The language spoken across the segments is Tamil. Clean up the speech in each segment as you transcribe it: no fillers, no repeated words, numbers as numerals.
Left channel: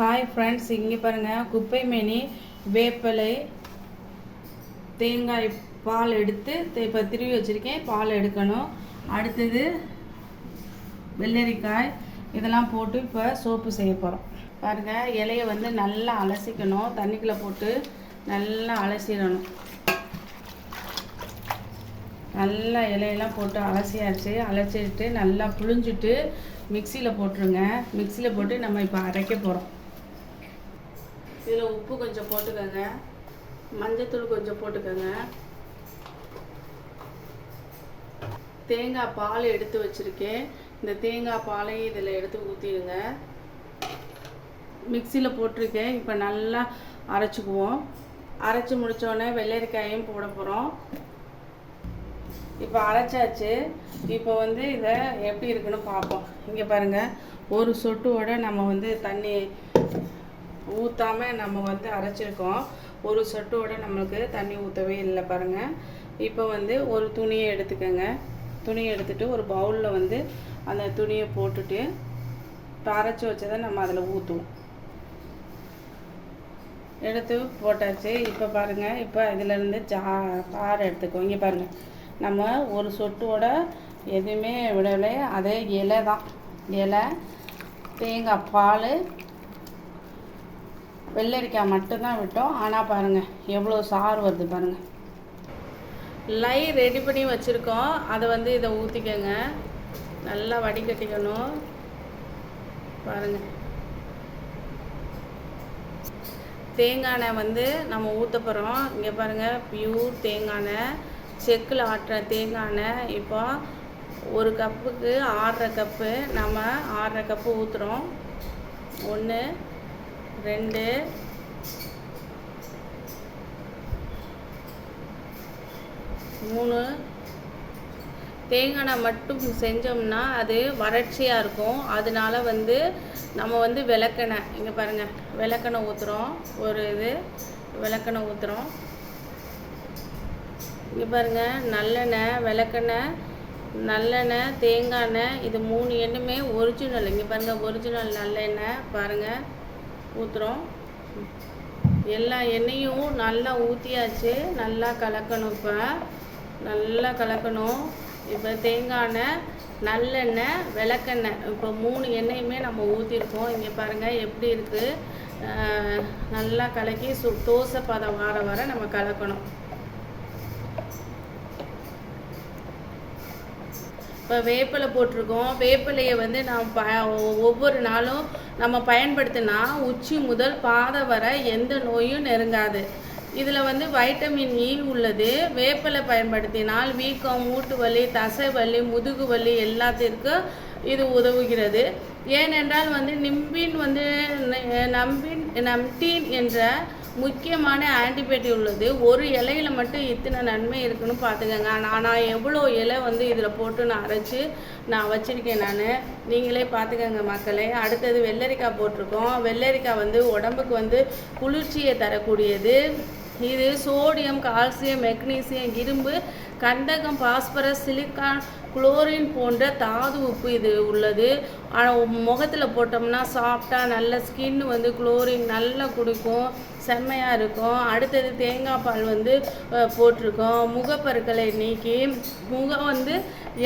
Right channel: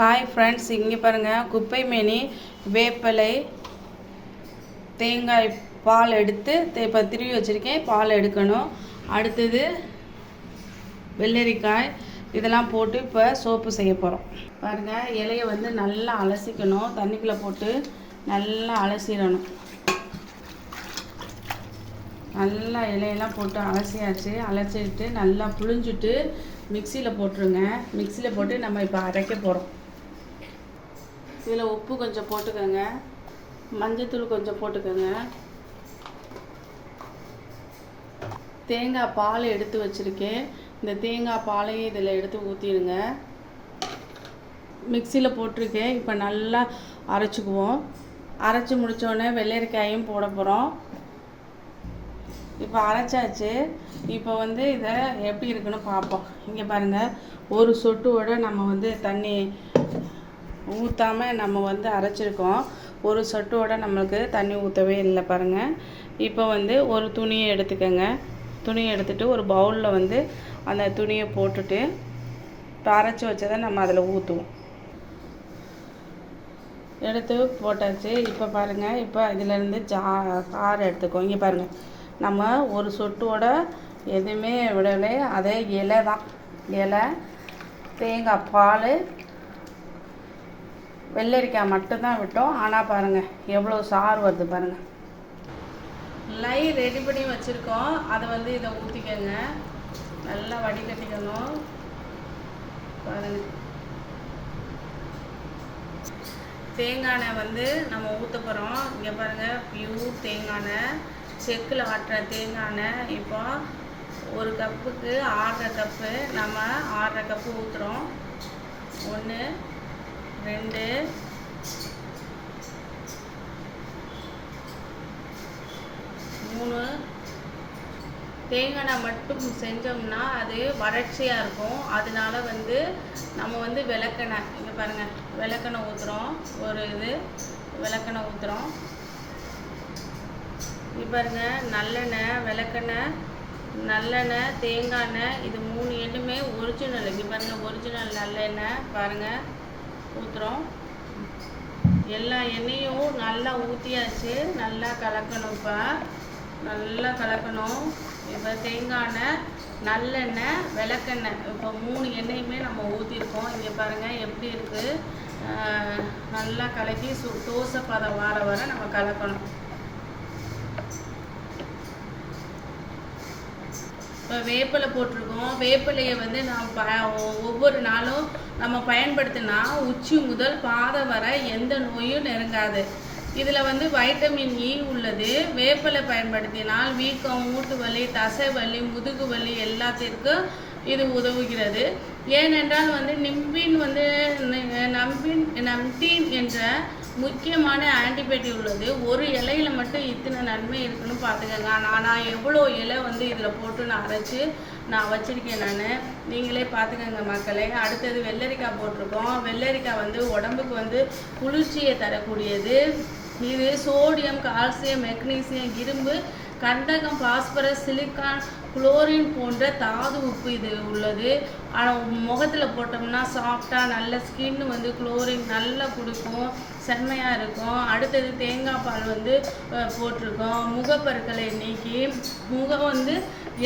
ஹாய் ஃப்ரெண்ட்ஸ், இங்கே பாருங்கள். குப்பை மேனி, வேப்பிலை, தேங்காய் பால் எடுத்து இப்போ திருவி வச்சுருக்கேன். பால் எடுக்கணும். அடுத்தது வெள்ளரிக்காய், இதெல்லாம் போட்டு இப்போ சோப்பு செய்ய போகிறோம். பாருங்கள், இலையை வந்து நல்லா அலசிக்கணும். தண்ணிக்குள்ளே போட்டு நல்லா அலசிடணும். நல்லா இலையெல்லாம் போட்டு அலசியாச்சு. அலசிட்டு நல்லா புழிஞ்சிட்டு மிக்சியில் போட்டுருங்க. மிக்சியில் போட்டு நம்ம இப்போ அரைக்க போகிறோம். இதில் உப்பு கொஞ்சம் போட்டுக்கோங்க, மஞ்சத்தூள் கொஞ்சம் போட்டுக்கோங்க. தேங்காய் பால் எடுத்து வச்சுருக்கேன். இந்த தேங்காய் பாலையும் இதில் எடுத்து ஊற்றிடுங்க. மிக்சியில் போட்டிருக்கேன். இப்போ நல்லா அரைச்சிக்குவோம். அரைச்சி முடித்தோடனே வெள்ளரிக்காயும் போட போகிறோம். இப்போ அரைச்சாச்சு. இப்போ வந்து இதை எப்படி இருக்குன்னு பார்ப்போம். இங்கே பாருங்கள், ஒரு சொட்டோட நம்ம வந்து தண்ணி ஊற்றாமல் நம்ம வந்து அரைச்சிருக்கோம். ஒரு சொட்டோட நம்மளுக்கு தண்ணி ஊற்றவே இல்லை பாருங்கள். இப்போ வந்து ஒரு துணியை எடுத்துக்கோங்க. துணியை எடுத்துகிட்டு ஒரு பவுலில் வந்து அந்த துணியை போட்டுட்டு அரைச்சி வச்சதை நம்ம அதில் ஊற்றுவோம். எடுத்து போட்டாச்சு. இப்போ பாருங்கள், இப்போ இதிலேருந்து சாறு எடுத்துக்கோ. இங்கே பாருங்கள், நம்ம ஒரு சொட்டோட எதுவுமே விடலை. அதே இலை தான். இலை, தேங்காய் பால், வெள்ளரிக்காய் மட்டும்தான் விட்டோம். ஆனால் பாருங்கள் எவ்வளோ சாறு வருது பாருங்கள். லை ரெடி பண்ணி வச்சுருக்கோம். அதை வந்து இதை ஊற்றிக்கங்க. நல்லா வடிகட்டிக்கணும். பாருங்கள், தேங்காய் எண்ணெய் வந்து நம்ம ஊற்ற போகிறோம். இங்கே பாருங்கள், பியூர் தேங்காய் எண்ணெய், செக்கில் ஆட்டுற தேங்காய் எண்ணெய். இப்போ ஒரு கப்புக்கு 1/2 கப்பு நம்ம 1/2 கப்பு ஊற்றுறோம். 1 2 3. தேங்காய் எண்ணெய் மட்டும் செஞ்சோம்னா அது வறட்சியாக இருக்கும். அதனால வந்து நம்ம வந்து விளக்கெண்ணெய், இங்கே பாருங்கள், விளக்கெண்ணெய் ஊற்றுறோம். ஒரு இது விளக்கெண்ணெய் ஊற்றுறோம். இங்கே பாருங்கள், நல்லெண்ணெய், விளக்கெண்ணெய், நல்லெண்ணெய், தேங்காய் எண்ணெய், இது 3 எண்ணெயுமே ஒரிஜினல். இங்கே பாருங்கள், ஒரிஜினல் நல்லெண்ணெய் பாருங்கள் ஊற்றுறோம். எல்லா எண்ணெயும் நல்லா ஊற்றியாச்சு. நல்லா கலக்கணும். இப்போ நல்லா கலக்கணும். இப்போ தேங்காய் எண்ணெய், நல்லெண்ணெய், விளக்கெண்ணெய், இப்போ 3 எண்ணெயுமே நம்ம ஊற்றிருக்கோம். இங்கே பாருங்கள் எப்படி இருக்குது. நல்லா கலக்கி தோசை பதம் வர நம்ம கலக்கணும். இப்போ வேப்பிலை போட்டிருக்கோம். வேப்பிலையை வந்து நம்ம ஒவ்வொரு நாளும் நம்ம பயன்படுத்தினா உச்சி முதல் பாதம் வரை எந்த நோயும் நெருங்காது. இதில் வந்து வைட்டமின் இ உள்ளது. வேப்பிலை பயன்படுத்தினால் வீக்கம், மூட்டு வலி, தசை வலி, முதுகு வலி எல்லாத்திற்கும் இது உதவுகிறது. ஏனென்றால் வந்து நம்டீன் என்ற முக்கியமான ஆன்டிபயோட்டிக் உள்ளது. ஒரு இலையில் மட்டும் இத்தனை நன்மை இருக்குன்னு பார்த்துக்கோங்க. ஆனால் எவ்வளோ இலை வந்து இதில் போட்டு நான் அரைச்சி நான் வச்சுருக்கேன். நீங்களே பார்த்துக்கோங்க மக்களே. அடுத்தது வெள்ளரிக்காய் போட்டிருக்கோம். வெள்ளரிக்காய் வந்து உடம்புக்கு வந்து குளிர்ச்சியை தரக்கூடியது. இது சோடியம், கால்சியம், மெக்னீசியம், இரும்பு, கந்தகம், பாஸ்பரஸ், சிலிக்கான், குளோரின் போன்ற தாது உப்பு இது உள்ளது. ஆனால் முகத்தில் போட்டோம்னா சாஃப்டாக நல்ல ஸ்கின் வந்து குளோரின் நல்லா குடிக்கும், செம்மையாக இருக்கும். அடுத்தது தேங்காய் பால் வந்து போட்டிருக்கோம். முகப்பருக்களை நீக்கி முகம் வந்து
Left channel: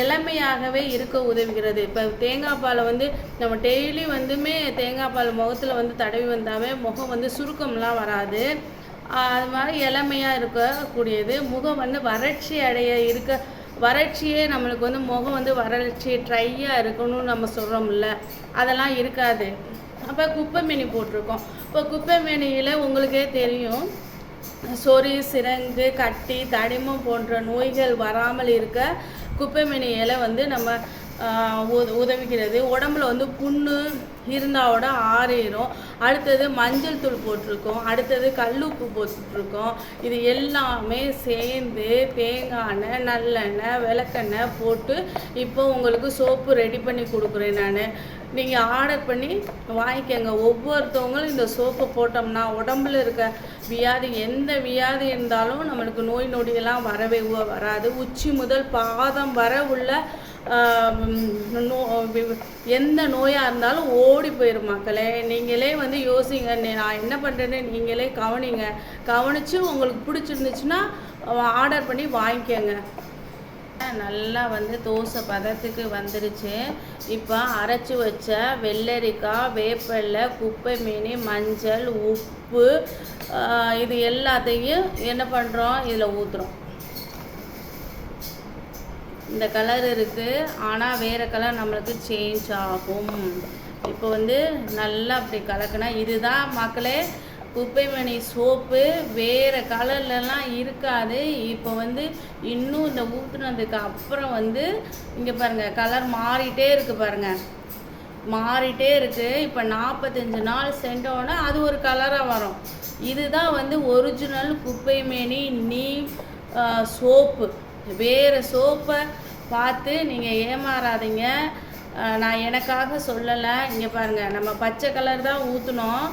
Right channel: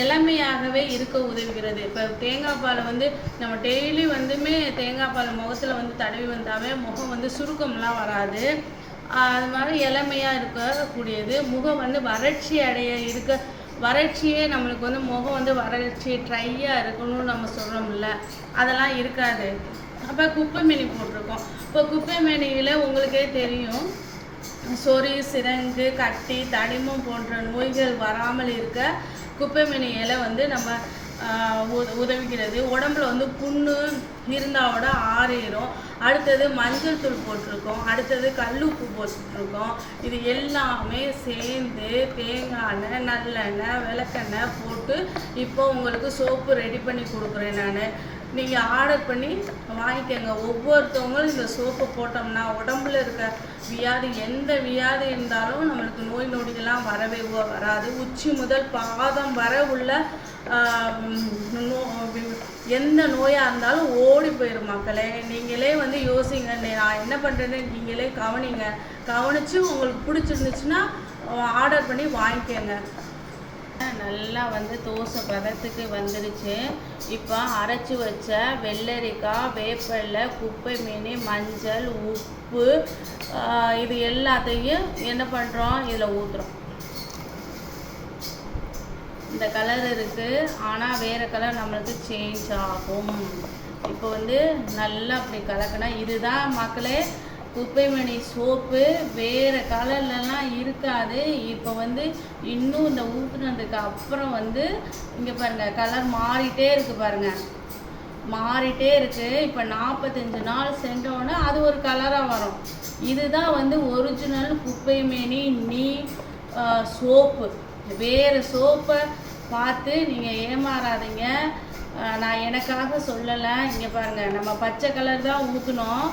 இளமையாகவே இருக்க உதவுகிறது. இப்போ தேங்காய் பாலை வந்து நம்ம டெய்லி வந்துமே தேங்காய் பால் முகத்தில் வந்து தடவி வந்தாவே முகம் வந்து சுருக்கம்லாம் வராது. அது மாதிரி இளமையாக இருக்கக்கூடியது. முகம் வந்து வறட்சியே நம்மளுக்கு வந்து முகம் வந்து வறட்சி ட்ரையாக இருக்கணும்னு நம்ம சொல்கிறோம்ல, அதெல்லாம் இருக்காது. அப்போ குப்பை மேனி போட்டிருக்கோம். இப்போ குப்பை மேனியில் உங்களுக்கே தெரியும், சொறி, சிரங்கு, கட்டி, தடிமம் போன்ற நோய்கள் வராமல் இருக்க குப்பை மேனி இலை வந்து நம்ம உதவுகிறது. உடம்புல வந்து புண்ணு இருந்தாவோட ஆறிடும். அடுத்தது மஞ்சள் தூள் போட்டிருக்கோம். அடுத்தது கல்லுப்பு போட்டுருக்கோம். இது எல்லாமே சேர்ந்து தேங்காய் எண்ணெய், நல்லெண்ணெய், விளக்கெண்ணெய் போட்டு இப்போ உங்களுக்கு சோப்பு ரெடி பண்ணி கொடுக்குறேன் நான். நீங்கள் ஆர்டர் பண்ணி வாங்கிக்கோங்க. ஒவ்வொருத்தவங்களும் இந்த சோப்பை போட்டோம்னா உடம்புல இருக்க வியாதி, எந்த வியாதி இருந்தாலும் நம்மளுக்கு நோய் நொடியெல்லாம் வரவே வராது. உச்சி முதல் பாதம் வர உள்ள எந்த நோயாக இருந்தாலும் ஓடி போயிடும் மக்களே. நீங்களே வந்து யோசிங்க, நான் என்ன பண்ணுறேன்னு நீங்களே கவனித்து உங்களுக்கு பிடிச்சிருந்துச்சுன்னா ஆர்டர் பண்ணி வாங்கிக்கோங்க. நல்லா வந்து தோசை பதத்துக்கு வந்துருச்சு. இப்போ அரைச்சி வச்ச வெள்ளரிக்காய், வேப்பிலை, குப்பை மேனி, மஞ்சள், உப்பு, இது எல்லாத்தையும் என்ன பண்ணுறோம், இதில் ஊற்றுறோம். இந்த கலர் இருக்குது, ஆனால் வேறு கலர் நம்மளுக்கு சேஞ்ச் ஆகும். இப்போ வந்து நல்லா அப்படி கலக்கினா இதுதான் மக்களே குப்பைமணி சோப்பு. வேறு கலர்லலாம் இருக்காது. இப்போ வந்து இன்னும் இந்த ஊற்றுனதுக்கு அப்புறம் வந்து இங்கே பாருங்கள் கலர் மாறிட்டே இருக்குது, பாருங்கள் மாறிட்டே இருக்குது. இப்போ 45 நாள் சென்றோன்னா அது ஒரு கலராக வரும். இதுதான் வந்து ஒரிஜினல் குப்பைமேனி சோப்பு. வேறு சோப்பை பார்த்து நீங்கள் ஏமாறாதீங்க. நான் எனக்காக சொல்லலை. இங்கே பாருங்கள், நம்ம பச்சை கலர் தான் ஊற்றணும்,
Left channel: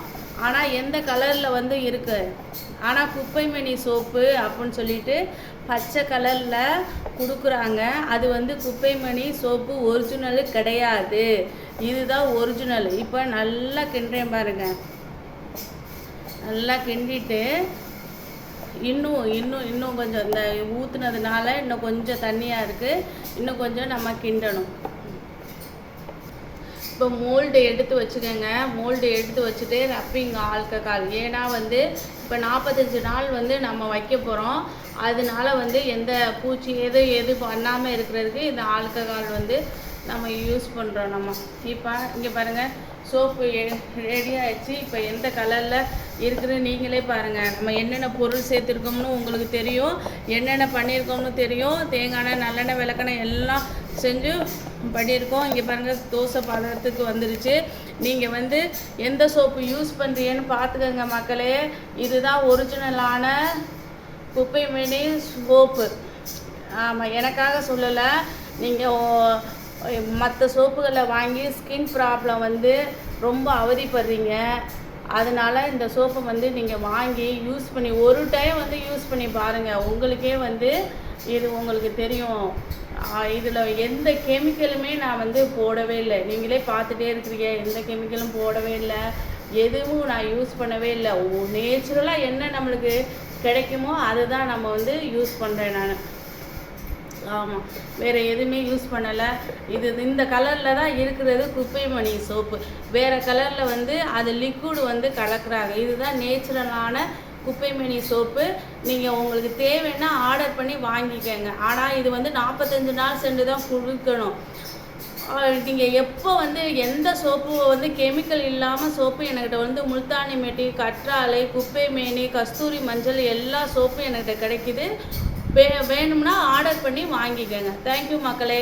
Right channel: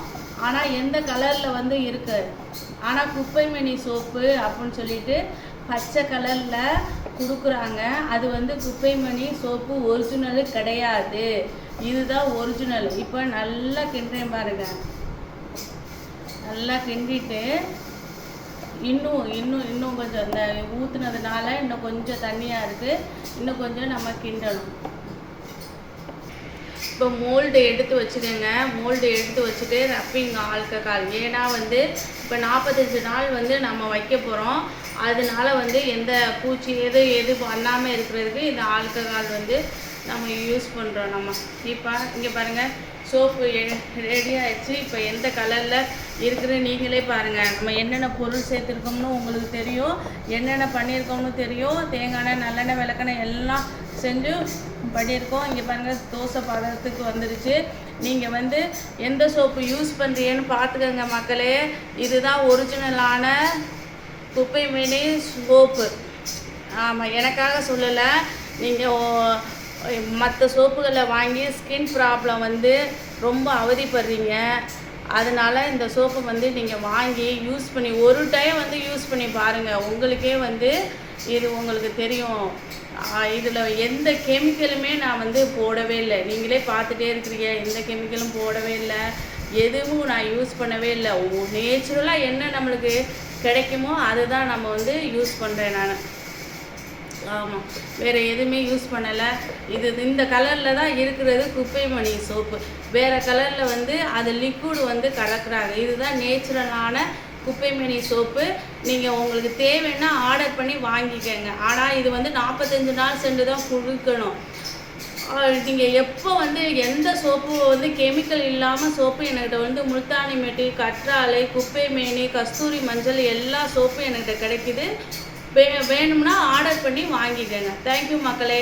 ஆனால் எந்த கலரில் வந்து இருக்கு, ஆனால் குப்பைமணி சோப்பு அப்படின்னு சொல்லிட்டு பச்சை கலரில் கொடுக்குறாங்க. அது வந்து குப்பைமணி சோப்பு ஒரிஜினலு கிடையாது. இதுதான் ஒரிஜினல். இப்போ நல்லா கிண்டுறேன் பாருங்கள். நல்லா கிண்டிட்டு இன்னும் கொஞ்சம் இந்த ஊற்றுனதுனால இன்னும் கொஞ்சம் தண்ணியாக இருக்குது. இன்னும் கொஞ்சம் நம்ம கிண்டணும். இப்போ மோல்டு எடுத்து வச்சுக்கோங்க. மோல்டு எடுத்து வச்சுட்டு ரப்பிங் ஆல்கஹால், ஏன்னா வந்து இப்போ 45 நாள் வந்து நம்ம வைக்க போகிறோம். அதனால வந்து எந்த பூச்சி எது பண்ணாமல் இருக்கிறதுக்கு இந்த ஆல்கஹால் வந்து நம்ம யூஸ் பண்ணுறோம். நம்ம இப்போ இங்கே பாருங்கள் சோப்பு ரெடி ஆகிடுச்சு. இப்போ எந்த கலரில் இருக்குது நீங்களே பாருங்கள். நம்ம என்னென்ன பொருள் சேர்த்துருக்கோம்னு உங்களுக்கு தெரியும், என்னென்ன பண்ணியிருக்கோம்னு தெரியும். தேங்காய் எண்ணெய், நல்லெண்ணெய், விளக்கெண்ணெய் எல்லாம் செஞ்சு பண்ணியிருக்கோம். இங்கே பாருங்கள் தோசை பதத்துக்கு வந்துருச்சு. நீங்கள் வந்து எந்த சோப்பு யூஸ் பண்ணுறீங்கன்னு பார்த்துக்கோங்க மக்களே. இதுதான் ஒரிஜினலான குப்பைமேனி சோப்பு. ஆமாம், எனக்காக சொல்லலை. நீங்கள் மற்ற சோப்புகளை வாங்கி ஸ்கின் ப்ராப்ளம் வந்து ரொம்ப அவதிப்படுறீங்க. அதனால் இந்த சோப்பை வந்து நீங்கள் வாங்கி யூஸ் பண்ணி ஒரு டைம் வந்து யூஸ் பண்ணி பாருங்கள். உங்களுக்கே வந்து இது உங்களுக்கு தெரியும். இதில் எந்த கெமிக்கலுமே நான் வந்து போடவே இல்லை. நீங்களே பார்த்துட்டே இருக்கிறீங்க, எந்த கெமிக்கலும் போடவே இல்லை, எதுவும் நான் யூஸ் பண்ணவே இல்லை. நேச்சுரலாக என்ன நம்மளுக்கு கிடைக்குமோ அதுதான் நம்ம வந்து யூஸ் பண்ணுறேன் நான். ஆமாம், வேறு எதுவுமே யூஸ் பண்ணலை. இந்த கலரில் தான் இருக்கிறது குப்பைமணி சோப்பு. வேறு கலரில் வந்து அது லிக்விட் வந்து கலக்குறாங்க. இதுதான் நேச்சுரலான குப்பைமேனி சோப்பு. நீங்கள் உங்களுக்கு தேவைன்னா ஆர்டர் பண்ணி வாங்கிக்கோங்க. ஆனால் இது வந்து 45 நாள் சென்று தான் கொடுக்கணும். நீங்கள் எப்போ வந்து எந்த சோப்பு வந்து கெமிக்கல் இல்லாமல் சோப்பு என்கிட்ட வந்து முல்தானி மெட்டி, கற்றாழை, குப்பைமேனி, கஸ்தூரி மஞ்சள் எல்லா சோப்பும் என்கிட்ட கிடைக்குது. வேணும்னா ஆர்டர் பண்ணி வாங்கிக்கோங்க. தேங்க்யூ மக்களே.